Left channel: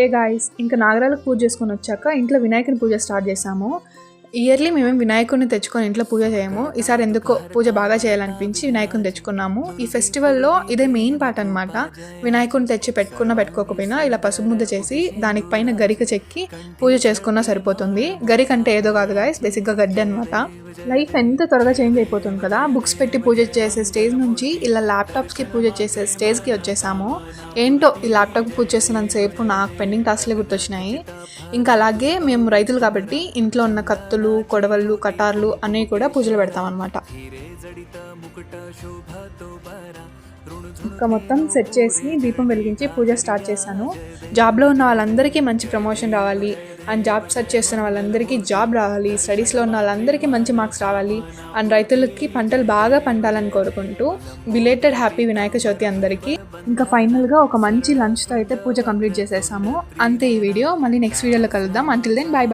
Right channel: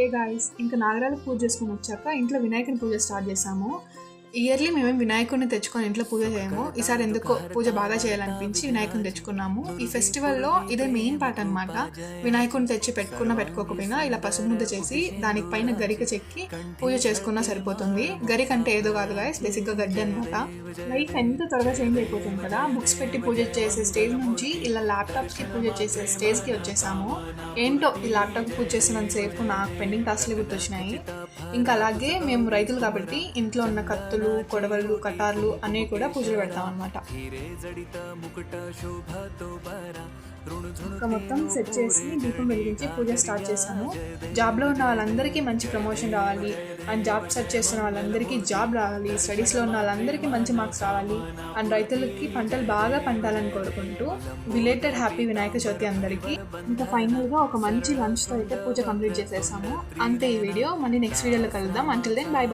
ఏ guys, ఇంకా నాగరాలకు పూజ చేసుకొని వచ్చాక ఇంట్లో వినాయకుని పూజ స్టార్ట్ చేసాము. ఇయర్లీ మేమేం వినాయకుడిని తెచ్చుకొని ఇంట్లో పూజ చేయము. ఈసారి ఎందుకో పూజ బాగా చేయాలనిపించి వినాయకుని తెచ్చుకున్నాము. ఈ ఫెస్టివల్లో ఇదే మెయిన్ పార్ట్ అనమాట. వినాయకుడిని తెచ్చి పెట్టుకోకపోయినా ఇలా పసుపు ముద్ద చేసి దానికి పైన గరిక చెక్కి పూజ చేసుకున్నా సరిపోతుంది. గరిక అంటే ఏదో కాదు గాయస్, బేసిక్గా గడ్డి అనమాట. లైఫ్ ఎంత త్వరగా చేంజ్ అయిపోతుంది కదా. బుక్స్ పెట్టి పూజ చేసే స్టేజ్ నుంచి ఇలా ల్యాప్టాప్స్కి పూజ చేసే స్టేజ్కి వచ్చేసాము. ఏంటో ఈ ల్యాప్టాప్కి పూజ చేసినంతసేపు నాకు పెండింగ్ టాస్క్లే గుర్తొచ్చినాయి. ఇంకా అలాగే మేము రైతులు కాబట్టి ఇంట్లో ఉన్న కత్తులు, కొడవళ్ళు, కటార్లు అనేవి కూడా పూజలు పెడతాం అనమాట. ఇంకా మొత్తం సెట్ చేసి దీపం వెలిగించి పూజ స్టార్ట్ చేశాను. జాబ్లో ఉన్న వాళ్ళందరికీ మంచి ప్రమోషన్ రావాలి అండ్ జాబ్ సెర్చ్ చేస్తున్న వాళ్ళందరికీ జాబ్ రావాలి, స్టడీస్లో ఉన్న వాళ్ళందరికీ మంచి మార్క్స్ రావాలి అండ్ రైతులకి పంటలు బాగా పండాలని కోరుకుంటూ బిలేటెడ్ హ్యాపీ వినాయక చవితి అందరికీ. ఇంకా ఫైనల్గా ఒక మంచి లంచ్తో అయితే పూజ కంప్లీట్ చేసేసాము. అంతే ఈ వీడియో. మళ్ళీ నెక్స్ట్ వీడియోలో కలుద్దాం. Until then by.